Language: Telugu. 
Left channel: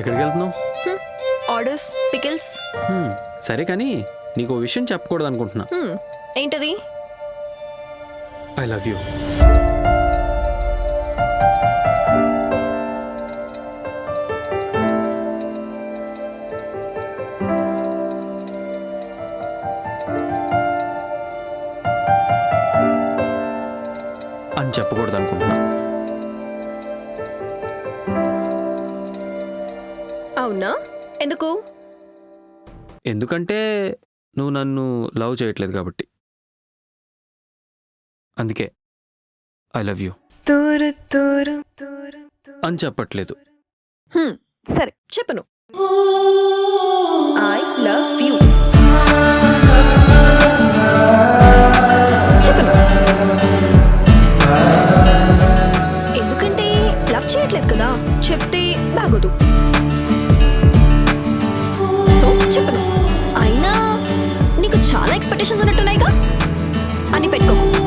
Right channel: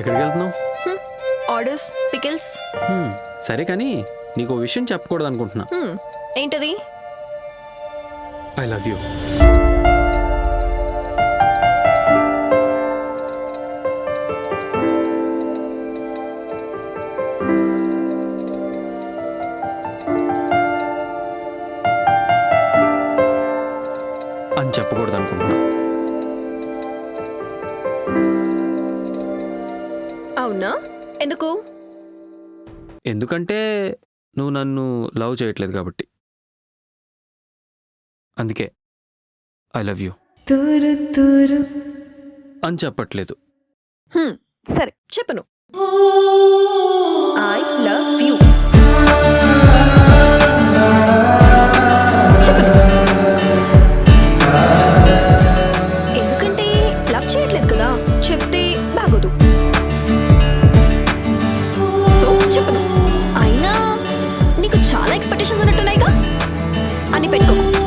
ఎక్కడికి వెళ్తున్నావు? Orders, pickles. సరే కానీ నీకు ఓ విషయం చెప్పకూడదు అనుకుంటున్నా. ఏంటది? I love you. అని చెప్పకూడదు అనుకుంటున్నా. అవునా? ఎందుకు? ఎందుకంటే నువ్వు నన్ను లవ్ చేయట్లేదు కాబట్టి. అందుకే ఐ లవ్ యూ అని చెప్పట్లేదు. సరే చెప్పను. ఐ లవ్ యూ చెప్పను. ఎందుకంటే లవ్ చేయట్లేదు కదా, చెప్తే బాగోదు. సో చెప్పను. అయినా నీకు చాలా ఎక్స్పెక్టేషన్స్ ఉన్నట్టున్నాయిగా అని పెట్టుకోకు.